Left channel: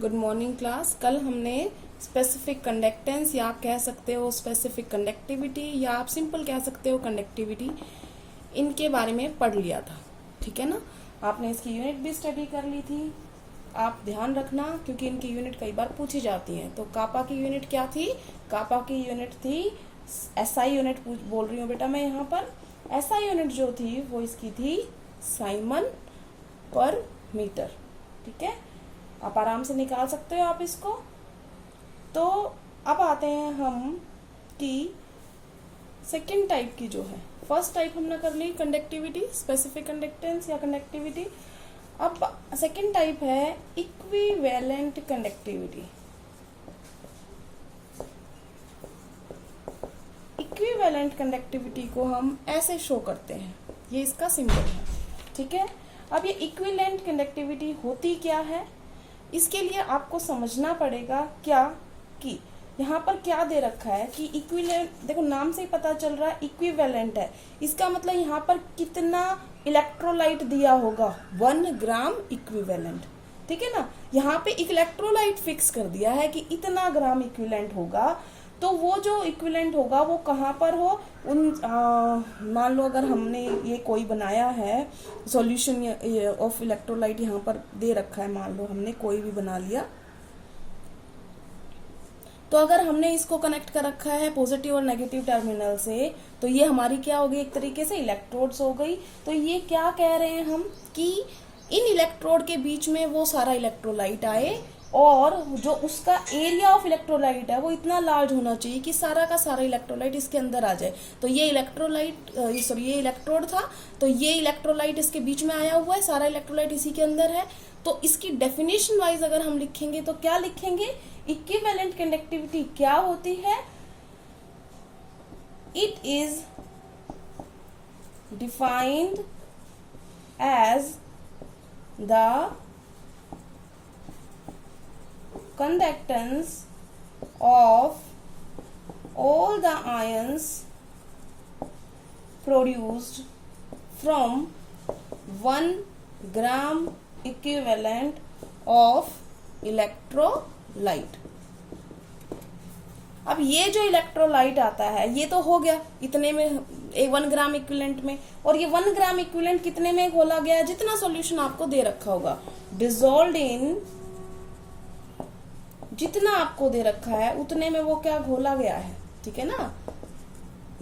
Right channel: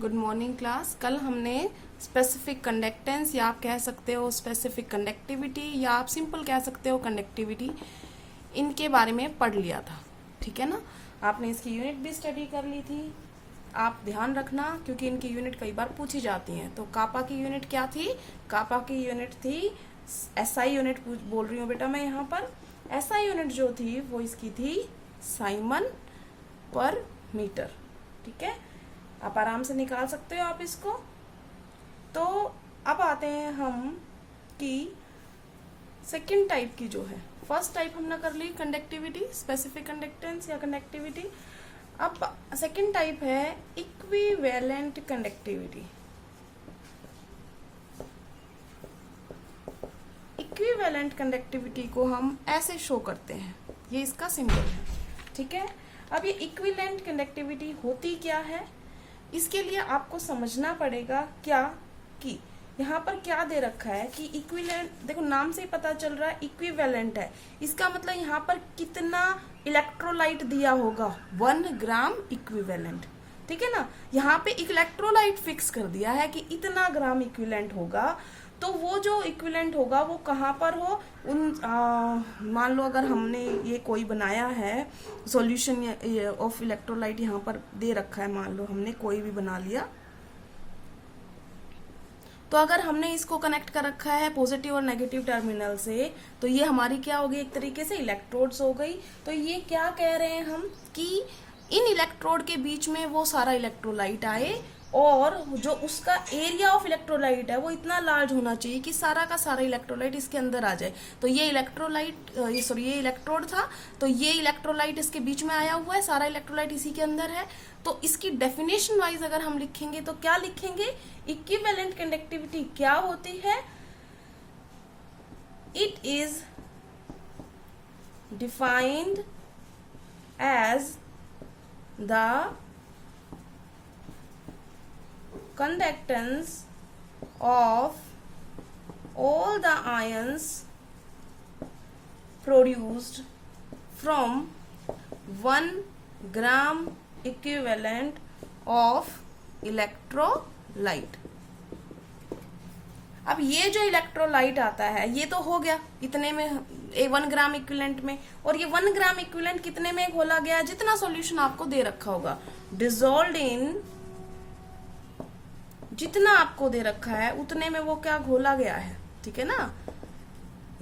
Good morning class. कल हमने specific conductance या आप कह सकते हो स्पेसिफिक कंडक्टिविटी या आप सिंपल कह सकते हो कंडक्टिविटी, इनके बारे में पढ़ लिया था। ठीक है ना, आपने इसकी यूनिट भी स्टडी कर ली थी। आप ध्यान रखना क्योंकि इनकी यूनिट कई बार पूछी जाती हैं। तो कापा की यूनिट क्या थी? कापा की यूनिट थी एसआई यूनिट बोल रही हूँ बेटा मैं यहाँ पर। एसआई यूनिट जो थी वो इसकी थी साइमन पर मीटर। ठीक है, आप आराम से निकाल सकते हो आप इसको। तो अब आते हैं हम कि सेकंड टाइप की जो है, फर्स्ट टाइप हमने कर ली कंडक्टिविटी, स्पेसिफिक कंडक्टेंस या कंडक्टिविटी। अब सेकंड टाइप है इक्विवेलेंट कंडक्टिविटी। इक्विवेलेंट कंडक्टिविटी को हम ऐसे शो करते हैं, ये इसका सिंबल है। ठीक है, अब ये इक्विवेलेंट कंडक्टिविटी होती क्या है, इसके लिए आपको समझना पड़ेगा क्या कि यहाँ पर क्या दे रखा है कि इक्विवेलेंट, देखो नाम से ही पता चल रहा है इक्विवेलेंट है। इसका मतलब यहाँ पर कितना इलेक्ट्रोलाइट दिया होगा, 1 ग्राम इक्विवेलेंट। ठीक है ना, यहाँ पे इलेक्ट्रोलाइट फिक्स कर दिया है कि इतना ग्राम इक्विवेलेंट होगा। तो वो जो इक्विवेलेंट होगा वो कहाँ पर हो, उन मान लो अगर हमने ये कोई बनाया है सॉल्यूशन ऑफ इलेक्ट्रोलाइट, यहाँ पर दे रखा है, मान लो हमने कोई भी बना लिया। तो अगर हमने इसको कनेक्ट कर रखा है पॉजिटिव और नेगेटिव टर्मिनल से, तो ये हमारी क्या हो गई, एक तरीके से इलेक्ट्रोड्स हो गई। तो ये क्या कह रहे हैं हम कि इन इलेक्ट्रोड के बीच में वो सारा इलेक्ट्रोलाइट आए और जो उसका एरिया ऑफ इलेक्ट्रोलाइट है वो इतना लार्ज होना चाहिए कि सारा का सारा इलेक्ट्रोलाइट इसके अंदर आ जाए। तो ये इलेक्ट्रोलाइट सॉरी ये इलेक्ट्रोड था, तो ये इलेक्ट्रोलाइट इसके बीच में आया हुआ है, सारा इलेक्ट्रोलाइट इसी के अंदर है। तो इसकी डेफिनेशन वाइज अगर हम लिखेंगे तो क्या लिखेंगे, इक्विवेलेंट कंडक्टिविटी क्या होती है, it is defined as the conductance of all the ions produced from 1 gram equivalent of electrolyte। अब ये जो इलेक्ट्रोलाइट आता है ये तो हो गया इतने में, 1 ग्राम इक्विवेलेंट में, और ये 1 ग्राम इक्विवेलेंट कितने में घोला गया, जितना सॉल्यूशन आपको दे रखा होगा, डिसॉल्व्ड इन, जितना आपको दे रखा है उतने में वो क्या घोला गया है। ठीक है ना,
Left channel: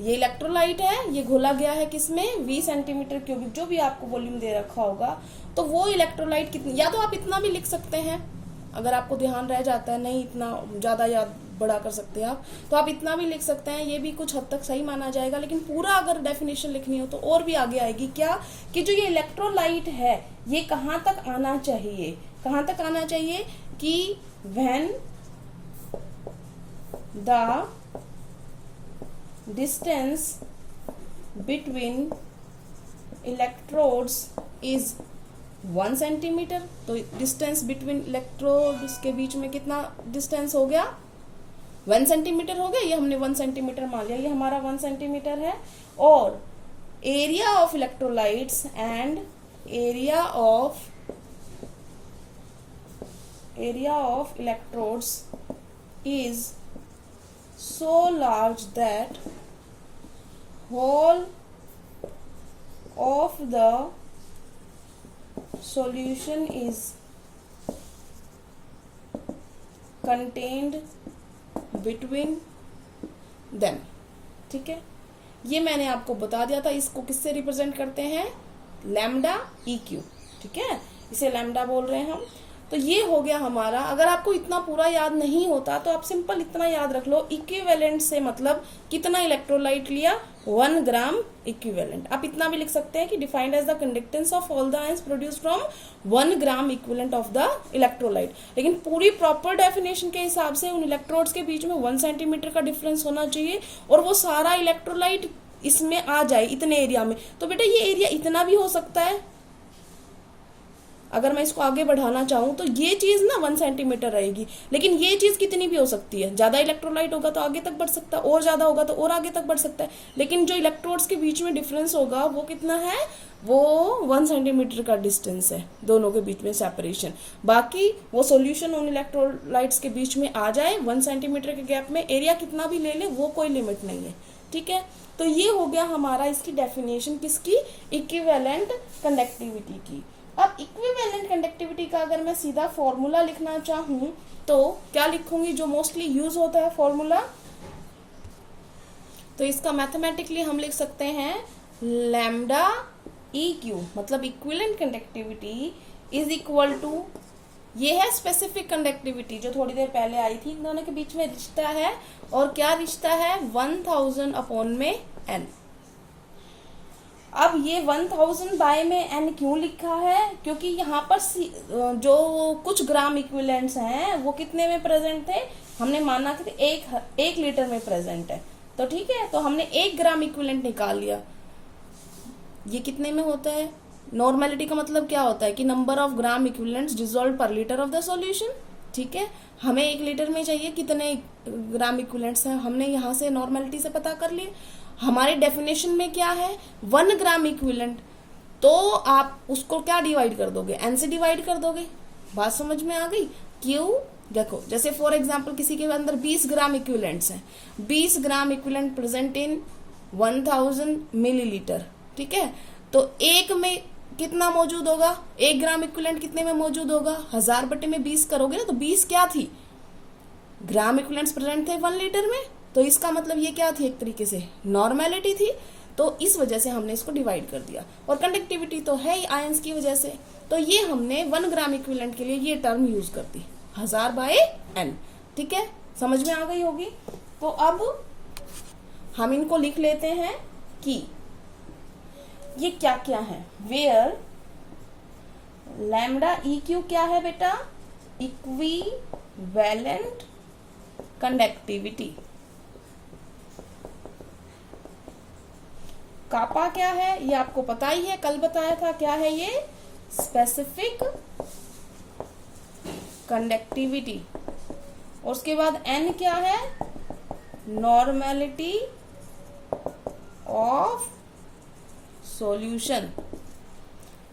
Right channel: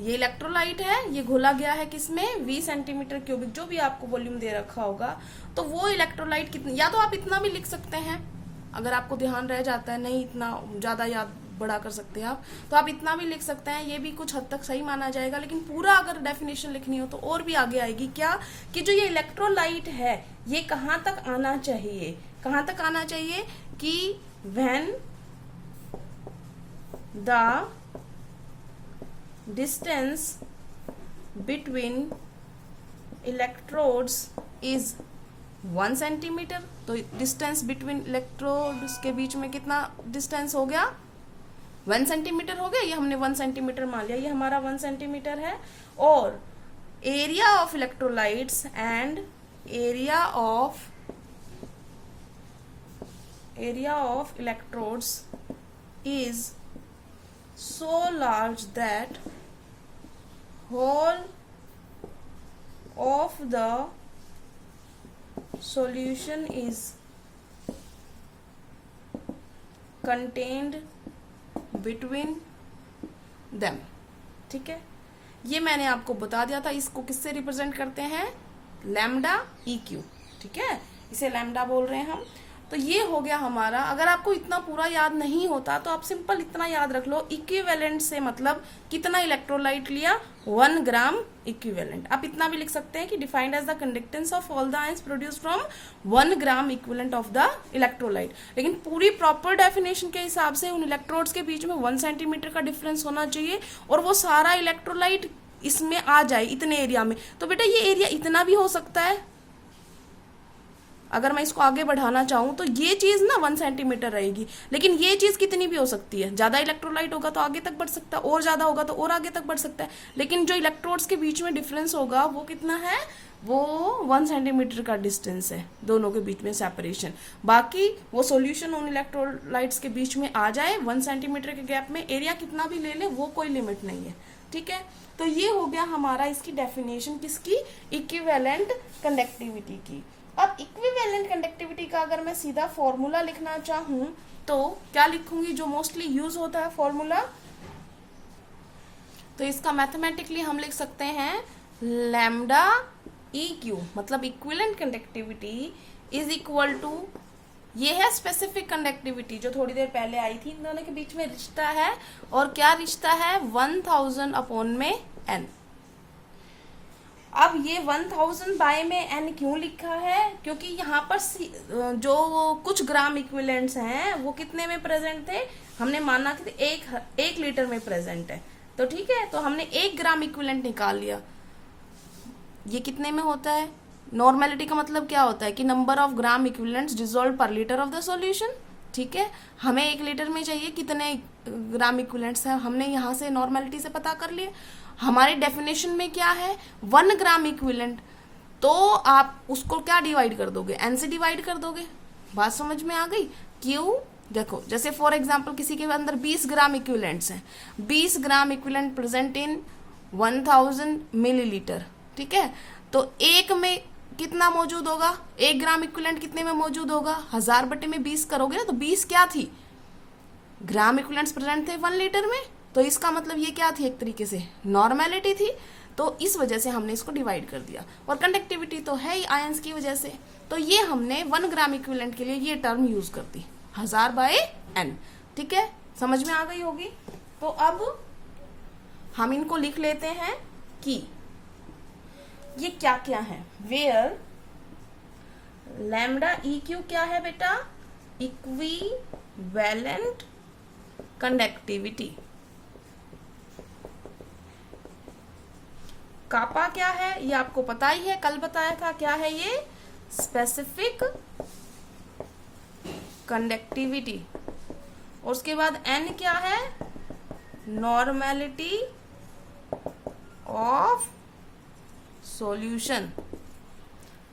ये इलेक्ट्रोलाइट है, ये घोला गया है किसमें, 20 सेंटीमीटर क्यूबिक, जो भी आपको वॉल्यूम दे रखा होगा। तो वो इलेक्ट्रोलाइट कितनी, या तो आप इतना भी लिख सकते हैं अगर आपको ध्यान रह जाता है, नहीं इतना ज्यादा याद बड़ा कर सकते हैं आप, तो आप इतना भी लिख सकते हैं, ये भी कुछ हद तक सही माना जाएगा। लेकिन पूरा अगर डेफिनेशन लिखनी हो तो और भी आगे आएगी क्या, कि जो ये इलेक्ट्रोलाइट है ये कहाँ तक आना चाहिए, कहाँ तक आना चाहिए कि when the distance between electrodes is 1 centimetre. तो डिस्टेंस बिटवीन इलेक्ट्रोड्स के बीच में कितना डिस्टेंस हो गया, 1 सेंटीमीटर हो गया। ये हमने 1 सेंटीमीटर मान लिया, ये हमारा 1 सेंटीमीटर है। और area of electrolytes and area of electrodes is so large that whole of the solution is contained between them। ठीक है, ये मैंने आपको बता दिया था। इसको किससे रिप्रेजेंट करते हैं, लैम्डा EQ। ठीक है, इसे लैम्डा बोल रहे हैं हम। तो ये हो गया हमारा। अगर आपको इतना पूरा याद नहीं होता तो आप सिंपल इतना याद रख लो, इक्विवेलेंट से मतलब कितना इलेक्ट्रोलाइट लिया, 1 ग्राम इक्विवेलेंट। आप इतना भी लिख सकते हैं कि defined as the conductance of all the ions produced from 1 gram equivalent of the electrolyte. लेकिन पूरी प्रॉपर डेफिनेशन के हिसाब से उन इलेक्ट्रोड्स के बीच में 1 सेंटीमीटर का डिफरेंस होना चाहिए और वो सारा इलेक्ट्रोलाइट इसमें आ जाए इतने एरिया में। तो बेटा ये एरिया इतना भी हो सकता है, अगर मैं इसको आगे बढ़ाना चाहूं तो ये चीज ना 1 सेंटीमीटर रहेगी, लेकिन ये चीज कितनी भी हो सकती है। ज्यादा इलेक्ट्रोलाइट होगा तो आगे तक बढ़ सकता है, और ज्यादा होगा तो और आगे तक बढ़ सकता है, लेकिन जो इलेक्ट्रोड्स के बीच में डिफरेंस होगा वो कितना है, वो 1 सेंटीमीटर का डिस्टेंस है दोनों के बीच में सेपरेशन। बाकी वो सॉल्यूशन उन इलेक्ट्रोलाइट्स के बीच में आ जाए 1 सेंटीमीटर के गैप में, एरिया कितना भी ले ले वो कोई लिमिट नहीं है। ठीक है, तो ये हो गया हमारा इसकी डेफिनेशन किसकी, इक्विवेलेंट कंडक्टिविटी की। अब इक्विवेलेंट कंडक्टिविटी का अगर मैं सीधा फॉर्मूला लिखना चाहूं तो क्या लिखूंगी, जो मोस्टली यूज होता है फॉर्मूला, तो इसका मैथमेटिकली हम लिख सकते हैं लैम्डा EQ, मतलब equivalent conductivity is equal to, ये है स्पेसिफिक कंडक्टिविटी जो थोड़ी देर पहले आई थी, इन दोनों के बीच में रिश्ता है, और क्या रिश्ता है, 1000 अपॉन में n। अब ये 1000 बाय में n क्यों लिखा है, क्योंकि यहाँ पर जो कुछ ग्राम इक्विवेलेंट्स हैं वो कितने में प्रेजेंट थे, हमने माना कि एक लीटर में प्रेजेंट है, तो ठीक है, तो हमने 1 ग्राम इक्विवेलेंट निकाल लिया। ये कितने में होता है, नॉर्मेलिटी का मतलब क्या होता है कि number of gram equivalents dissolve पर लीटर ऑफ द सॉल्यूशन। ठीक है, हमें 1 लीटर में चाहिए कितने ग्राम इक्विवेलेंट्स हैं, हमने यहाँ से नॉर्मेलिटी से पता कर लिए। हमारे डेफिनेशन में क्या है, 1 ग्राम इक्विवेलेंट, तो आप उसको क्या डिवाइड कर दोगे, n से डिवाइड कर दोगे। बात समझ में आ गई, क्यों, देखो जैसे फॉर एग्जाम्पल किसी के अंदर 20 ग्राम इक्विवेलेंट्स हैं, 20 gram equivalent present in 1000 millilitre. ठीक है, तो एक में कितना मौजूद होगा, 1 ग्राम इक्विवेलेंट कितने में मौजूद होगा, 1000 बटे में 20 करोगे ना, तो 20 क्या थी, ग्राम इक्विवेलेंट्स प्रेजेंट थे 1 लीटर में, तो इसका मतलब ये क्या थी, एक तरीके से नॉर्मेलिटी थी, तो इस वजह से हमने इसको डिवाइड कर दिया। और कंडक्टिविटी तो है ही आयंस की वजह से, तो ये हमने 1 ग्राम इक्विवेलेंट के लिए ये टर्म यूज कर दी, 1000 बाय n। ठीक है, समझ में आ गई होगी। तो अब हम इनको लिख लेते हैं कि ये क्या क्या है, वेयर लैम्डा EQ क्या है बेटा, इक्विवेलेंट कंडक्टिविटी। कापा क्या है, ये आपको पता ही है, कल बताया था, क्या है ये, स्पेसिफिक कंडक्टिविटी। और उसके बाद n क्या है, नॉर्मेलिटी ऑफ सॉल्यूशन।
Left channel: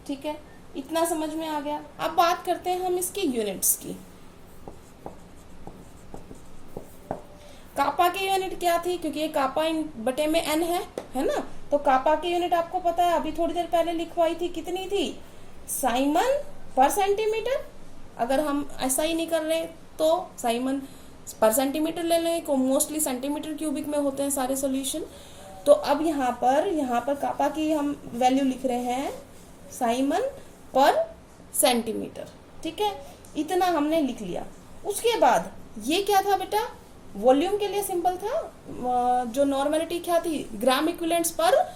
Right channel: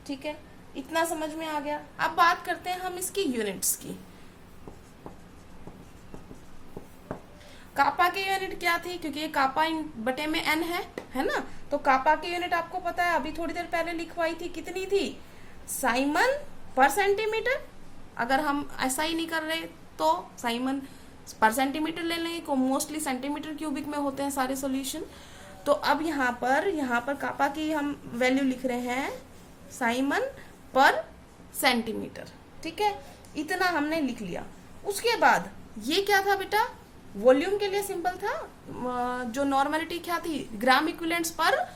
ठीक है, इतना समझ में आ गया। अब बात करते हैं हम इसकी यूनिट्स की। कापा की यूनिट क्या थी, क्योंकि ये कापा बटे में n है ना, तो कापा की यूनिट आपको पता है, अभी थोड़ी देर पहले लिखवाई थी, कितनी थी, साइमन पर सेंटीमीटर। अगर हम ऐसा ही नहीं कर रहे तो साइमन पर सेंटीमीटर ले लेंगे, को मोस्टली सेंटीमीटर क्यूबिक में होते हैं सारे सॉल्यूशन। तो अब यहाँ पर कापा की हम वैल्यू लिख रहे हैं साइमन पर सेंटीमीटर। ठीक है, इतना हमने लिख लिया। उसके बाद ये क्या था बेटा, वॉल्यूम के लिए सिंपल था, जो नॉर्मेलिटी क्या थी, ग्राम इक्विवेलेंट्स पर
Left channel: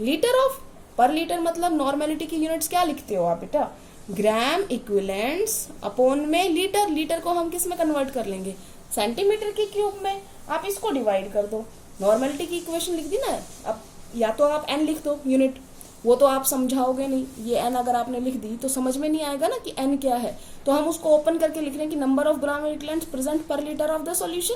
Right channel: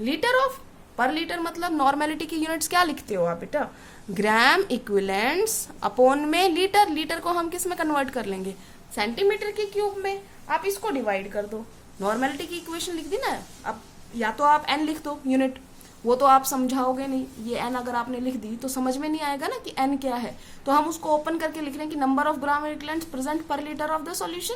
लीटर ऑफ, पर लीटर मतलब नॉर्मेलिटी की यूनिट्स क्या लिखते हो आप बेटा, ग्राम इक्विवेलेंट्स अपॉन में लीटर। लीटर को हम किस में कन्वर्ट कर लेंगे, सेंटीमीटर के क्यूब में। आप इसको डिवाइड कर दो, नॉर्मेलिटी की इक्वेशन लिख दी ना। अब या तो आप n लिख दो यूनिट, वो तो आप समझाओगे नहीं, ये n अगर आपने लिख दी तो समझ में नहीं आएगा ना कि n क्या है, तो हम उसको ओपन करके लिख रहे हैं कि number of gram equivalents present per litre of the solution.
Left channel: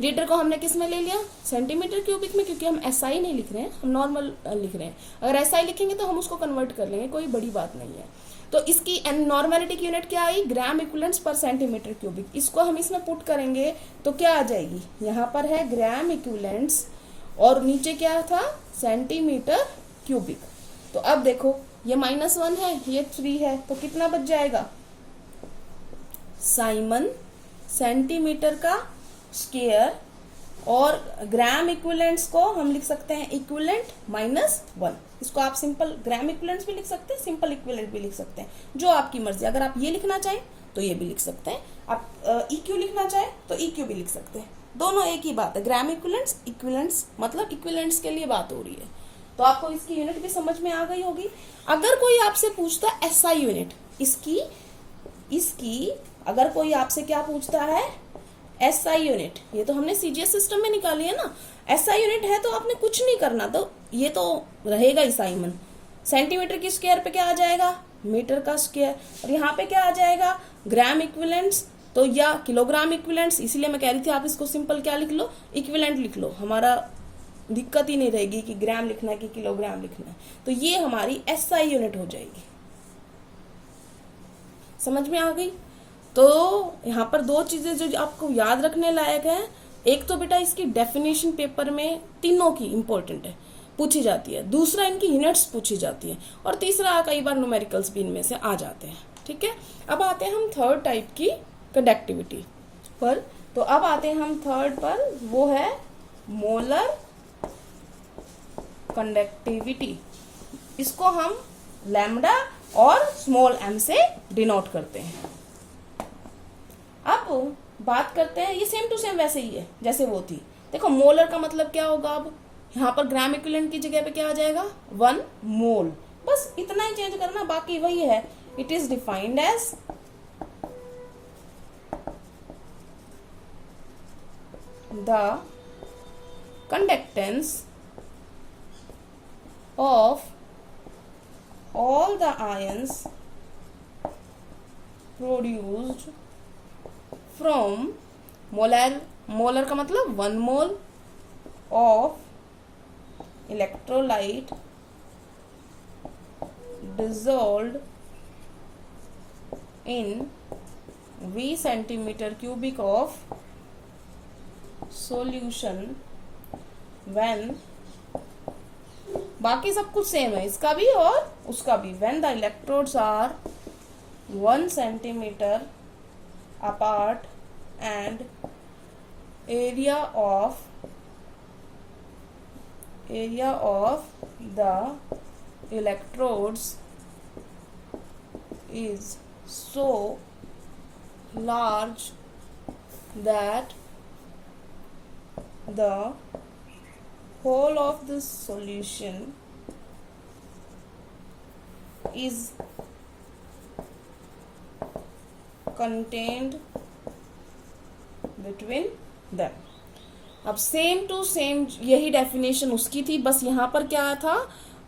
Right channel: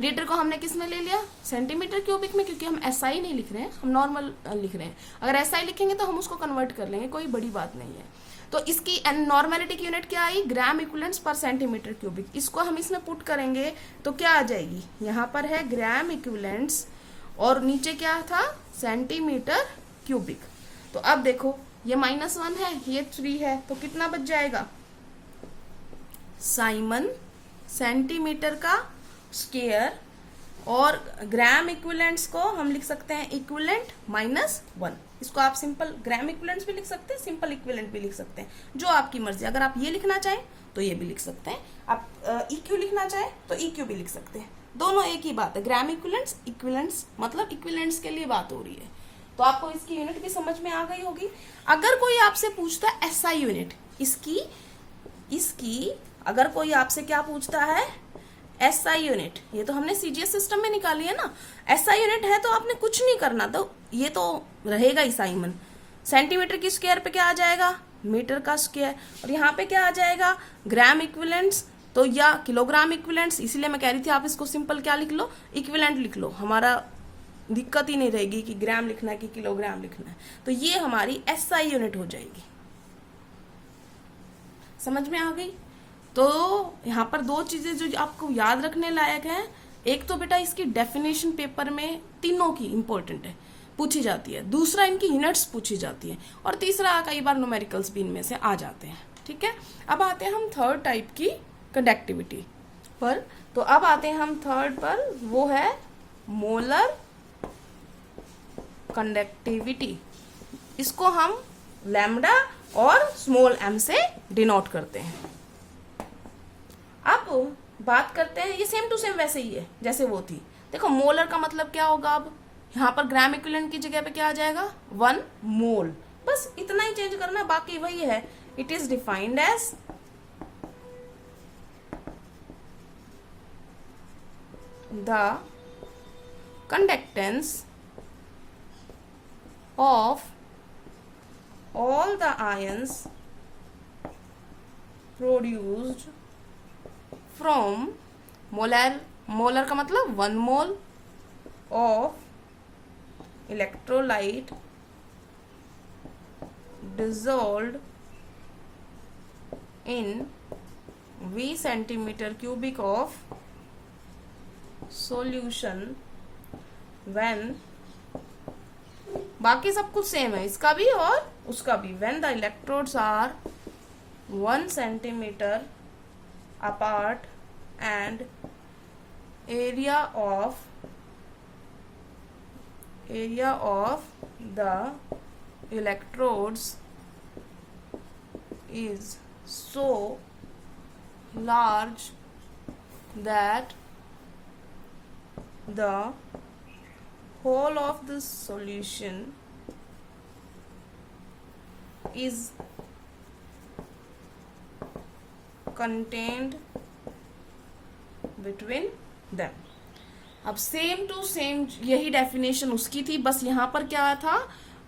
Litre को हमने किस में ले लिया, सेंटीमीटर क्यूबिक में, क्योंकि हम SI नहीं लिख रहे हैं, हम नॉर्मल लिख रहे हैं। अगर SI लिखेंगे तो हम उसको कन्वर्ट कर लेंगे, कोई बड़ी बात नहीं है। तो इसकी नॉर्मेलिटी की यूनिट क्या आई, ग्राम इक्विवेलेंट्स पर सेंटीमीटर क्यूबिक। इसको हम इसमें पुट करेंगे तो क्या आ जाएगी, यहाँ पर है ग्राम इक्विवेलेंट्स और नीचे क्या था, सेंटीमीटर क्यूबिक। तो अब देखो ये -1 है, ये 3 है, तो कितना बच जाएगा, साइमन सेंटीमीटर का स्क्वायर, और ग्राम इक्विवेलेंट्स को हम लिख सकते हैं इक्विवेलेंट -1। इसको आप सिंपल ग्राम इक्विवेलेंट्स भी लिख सकते हैं, सिंपल इक्विवेलेंट भी लिख सकते हैं, जो आपकी मर्जी। अगर आप ये लिखना चाहें तो ये भी लिख सकते हैं, आप EQ लिखना चाहें तो EQ भी लिख सकते हैं, दोनों एक ही बात है। ग्राम इक्विवेलेंट्स, इक्विवेलेंट्स मतलब इक्विवेलेंट्स के लिए बात हो रही है। तो आपको इसकी यूनिट भी समझ में आ गई होगी। अगर कोई आपसे पूछता है SI यूनिट, इसकी अगर कोई आपसे क्या पूछता है, SI यूनिट, ये तो हमने CGS सिस्टम में निकाली है ना, SI यूनिट है तो आपने कुछ नहीं करना, तो ये तो रहेगा ही साइमन। सेंटीमीटर की स्क्वायर पे क्या आ जाएगा, मीटर का स्क्वायर। और यहाँ पे क्या आ जाएगा, ग्राम इक्विवेलेंट्स तो या किलोग्राम इक्विवेलेंट्स, इसीलिए मैं कह रही थी आप इसको सिंपल क्या लिख लो, इक्विवेलेंट लिख लो, हमारा दिक्कत ही नहीं रहेगी कि ग्राम लिखना है कि किलोग्राम लिखना है। तो ये हमारी एसआई यूनिट हो जाएगी। समझ में आ गई। तो यहाँ पर दो चीजें जो आपको याद रखने लायक है, एक तो बेटा इसकी डेफिनेशन पेपर में तीनों की इंपॉर्टेंट है, पूछी जाती है, दूसरा इनकी यूनिट्स पूछी जाती है, और तीसरा कई बार न्यूमेरिकल्स भी इनमें से आ जाते हैं। ठीक है, अब आते हैं हम थर्ड टाइप की कंडक्टिविटी पर। तो अब आते हैं हम थर्ड पर, वो है मोलर कंडक्टिविटी। इसको हम लैम्डा और स्मॉल m से डिनोट करते हैं। अब बात करते हैं, ये सेम टू सेम वैसे ही है जैसे वो थी। देखो मोलर का मतलब क्या होगा, अब यहाँ पर ग्राम इक्विवेलेंट की जगह पे क्या आ जाएगा, 1 मोल, बस इतना ही चेंज करना, बाकी वही है। It is defined as the conductance of all the ions produced from molar का मतलब 1 mole of electrolyte dissolved in V centimeter cubic of solution when, बाकी सब कुछ सेम है, इसका भी और उसका भी, when the electrodes are 1 centimeter apart and area of the electrodes is so large that the whole of the solution is contained between them। अब सेम टू सेम यही डेफिनेशन उसकी थी, बस यहाँ पर क्या था,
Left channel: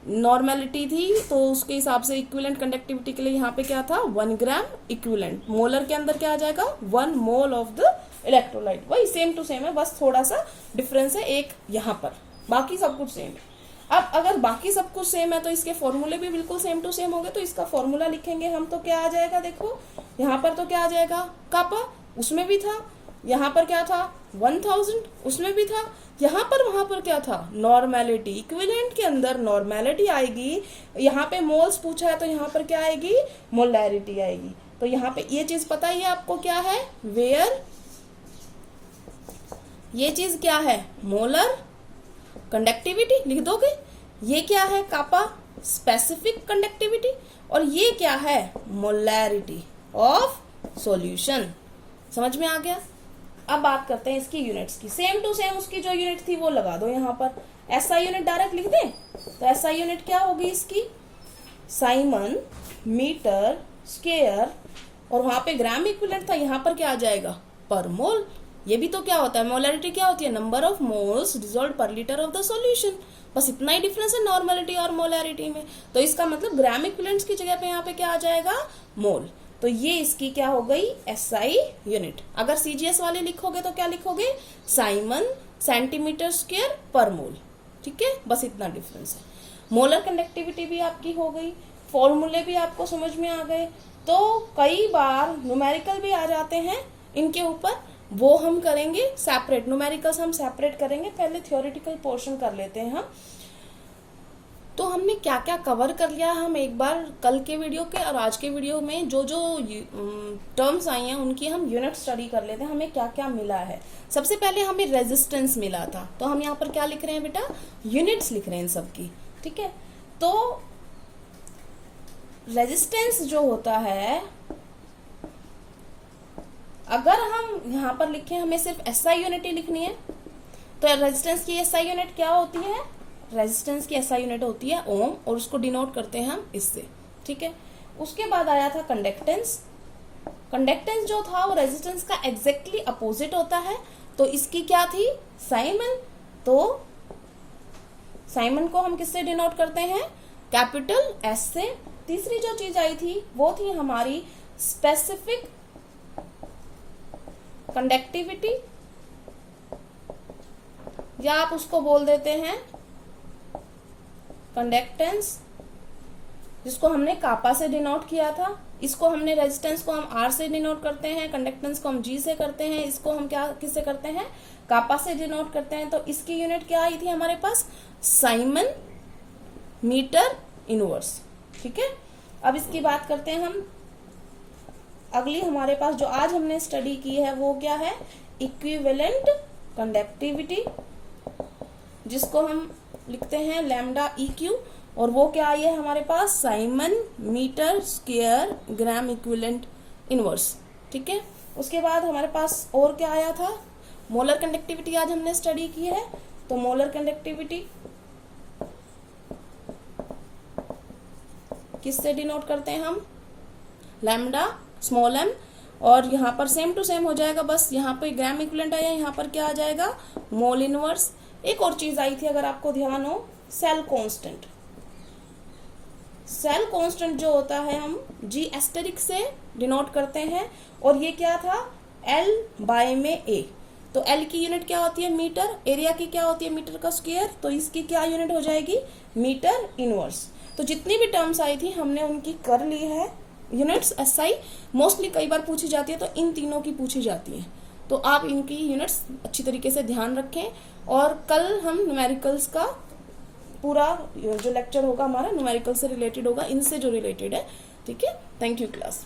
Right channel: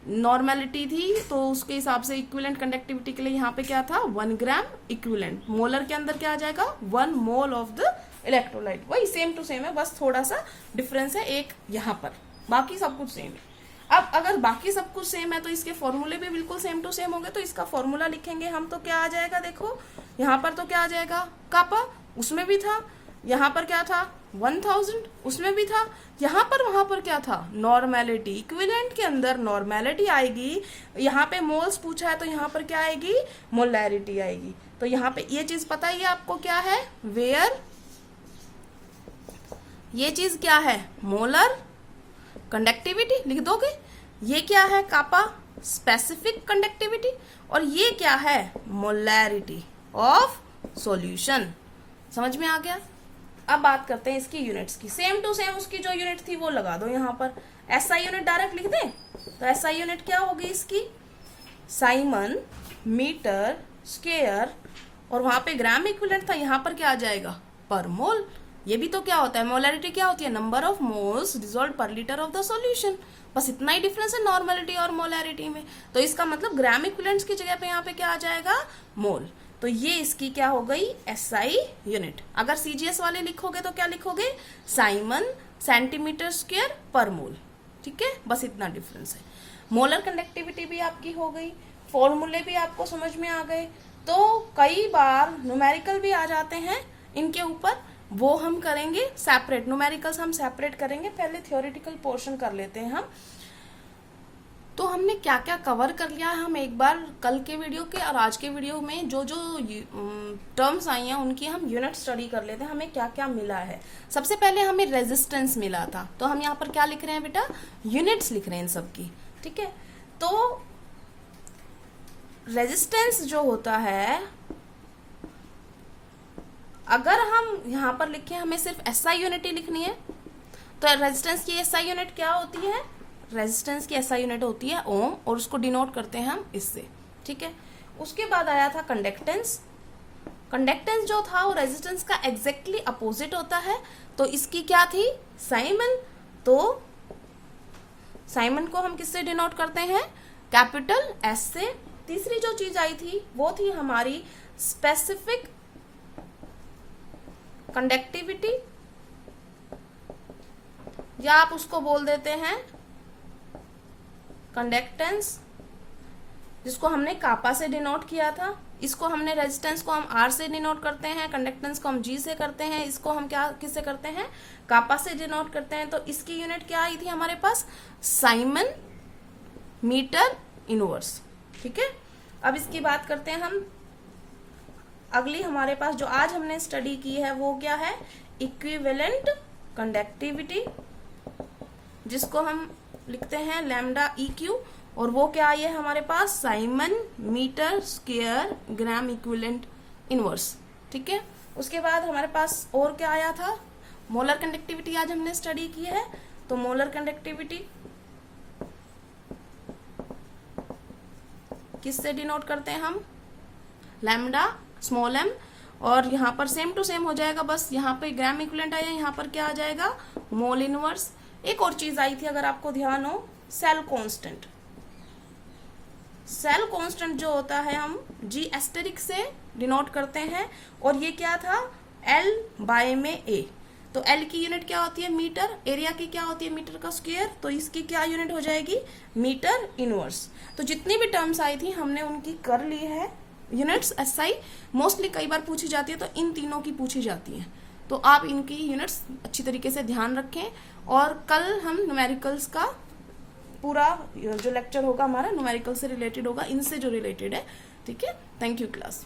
नॉर्मेलिटी थी, तो उसके हिसाब से इक्विवेलेंट कंडक्टिविटी के लिए यहाँ पे क्या था, 1 ग्राम इक्विवेलेंट। मोलर के अंदर क्या आ जाएगा, 1 मोल ऑफ द इलेक्ट्रोलाइट। वही सेम टू सेम है, बस थोड़ा सा डिफरेंस है एक यहाँ पर, बाकी सब कुछ सेम है। अब अगर बाकी सब कुछ सेम है तो इसके फॉर्मूले भी बिल्कुल सेम टू सेम हो गए। तो इसका फॉर्मूला लिखेंगे हम, तो क्या आ जाएगा, देखो यहाँ पर तो क्या आ जाएगा, कापा, उसमें भी था, यहाँ पर क्या था 1000, उसमें भी था, यहाँ पर वहां पर क्या था, नॉर्मेलिटी। इक्विवेलेंट के अंदर नॉर्मेलिटी आएगी, यहाँ पे मोल्स पूछा है तो यहाँ पर क्या आएगी, मोलैरिटी आएगी। तो यहाँ पे ये चीज पता ही आपको क्या है, वेयर, ये चीज क्या है, मोलर कंडक्टिविटी लिख दोगे, ये क्या है, कापा स्पेसिफिक कंडक्टिविटी, और ये क्या है, मोलैरिटी ऑफ सॉल्यूशन। समझ में आ गया। अब बात करते हैं इसकी यूनिट्स की, सेम टू सेम उसकी जो यूनिट थी वो लगा दो यहाँ पर। एसआई यूनिट डायरेक्ट लिख दें, तो एसआई यूनिट क्या होगी इसकी, साइमन मीटर स्क्वायर, और वहां पे ग्राम इक्विवेलेंट था, यहाँ पर क्या आ जाएगा, पर मोल। ये भी तो क्या होता है, मोलैरिटी क्या होती है, नंबर ऑफ मोल्स डिसॉल्व्ड पर लीटर ऑफ द सॉल्यूशन। बस इतना ही डिफरेंस है नॉर्मेलिटी और मोलैरिटी में। तो इसका मतलब ग्राम इक्विवेलेंट्स की जगह पे यहाँ पे क्या आ जाएगा, मोल। तो ये इसकी क्या हो गई, एसआई यूनिट। अगर सीजीएस वाले लिखोगे तो क्या लिखोगे, साइमन सेंटीमीटर स्क्वायर पर मोल। ठीक है, बस इतना डिफरेंस है। मोलर कंडक्टिविटी भी आपकी हो गई, फॉर्मूले भी आपको समझ में आ गए। तो कई बार न्यूमेरिकल भी आ जाते हैं इनके ऊपर, वो हम करेंगे सेपरेट, न्यूमेरिकल्स हम सेपरेट करेंगे, पहले थ्योरेटिकल पोर्शन कर लेते हैं हम। तो हमने क्या क्या कवर कर लिया है, हम एक बार कल के वीडियो के और आज के वीडियो में जो जो टर्म्स आई हैं उनकी हम यूनिट स्टडी कर लेते हैं, हमें क्या क्या मिला है। सबसे पहले हमें रेजिस्टेंस मिला था, तो हम यहाँ पर क्या लिख रहे हैं बेटा, यूनिट्स लिख रहे हैं इन सबकी। ठीक है, तो रेजिस्टेंस जो होता है, अगर हम यहाँ पर लिखें, हमें सिर्फ एसआई यूनिट ही लिखनी है, तो रेजिस्टेंस की एसआई यूनिट क्या होती है, रेजिस्टेंस की एसआई यूनिट होती है ओम, और उसको डिनोट करते हैं हम इससे। ठीक है, उसके बाद आया था कंडक्टेंस। कंडक्टेंस जो था वो रेजिस्टेंस का एग्जैक्टली अपोजिट होता है, तो इसकी क्या थी, साइमन। तो साइमन को हम किससे डिनोट करते हैं, कैपिटल एस से, तीसरी जो चीज आई थी वो थी हमारी स्पेसिफिक कंडक्टिविटी, या आप उसको बोल देते हैं कंडक्टेंस, जिसको हमने कापा से डिनोट किया था। इसको हमने रेजिस्टेंस को हम आर से डिनोट करते हैं, कंडक्टेंस को हम जी से करते हैं, इसको हम क्या किससे करते हैं, कापा से डिनोट करते हैं। तो इसकी यूनिट क्या आई थी हमारे पास, साइमन मीटर इनवर्स। ठीक है, अब इसकी बात करते हैं हम। अगली हमारे पास जो आज हमने स्टडी की है वो क्या है, इक्विवेलेंट कंडक्टिविटी, जिसको हम लिखते हैं लैम्डा EQ, और वो क्या आई है हमारे पास, siemens metre square gram equivalent inverse. ठीक है, उसके बाद हमारे पास और क्या आया था, मोलर कंडक्टिविटी आज हमने स्टडी की है। तो मोलर कंडक्टिविटी किससे डिनोट करते हैं हम, लैम्डा स्मॉल m, और यहाँ पर सेम टू सेम हो जाएगा, बस यहाँ पे ग्राम इक्विवेलेंट आया, यहाँ पर क्या आ जाएगा, मोल इनवर्स। एक और चीज आई थी अगर आपको ध्यान हो, सेल कांस्टेंट। सेल कांस्टेंट जो होता है हम G एस्टेरिक से डिनोट करते हैं, और ये क्या था, L बाय में A। तो L की यूनिट क्या होती है, मीटर, एरिया की क्या होती है, मीटर का स्क्वायर, तो इसकी क्या यूनिट हो जाएगी, मीटर इनवर्स। तो जितनी भी टर्म्स आई थी हमने उनकी कर ली है यूनिट्स। SI मोस्टली कई बार पूछी जाती है, तो इन तीनों की पूछी जाती है, तो आप इनकी यूनिट्स अच्छी तरीके से ध्यान रखें। और कल हम न्यूमेरिकल्स का पूरा जो लेक्चर होगा हमारा न्यूमेरिकल से रिलेटेड होगा, इनसे जो रिलेटेड है। ठीक है, थैंक यू क्लास।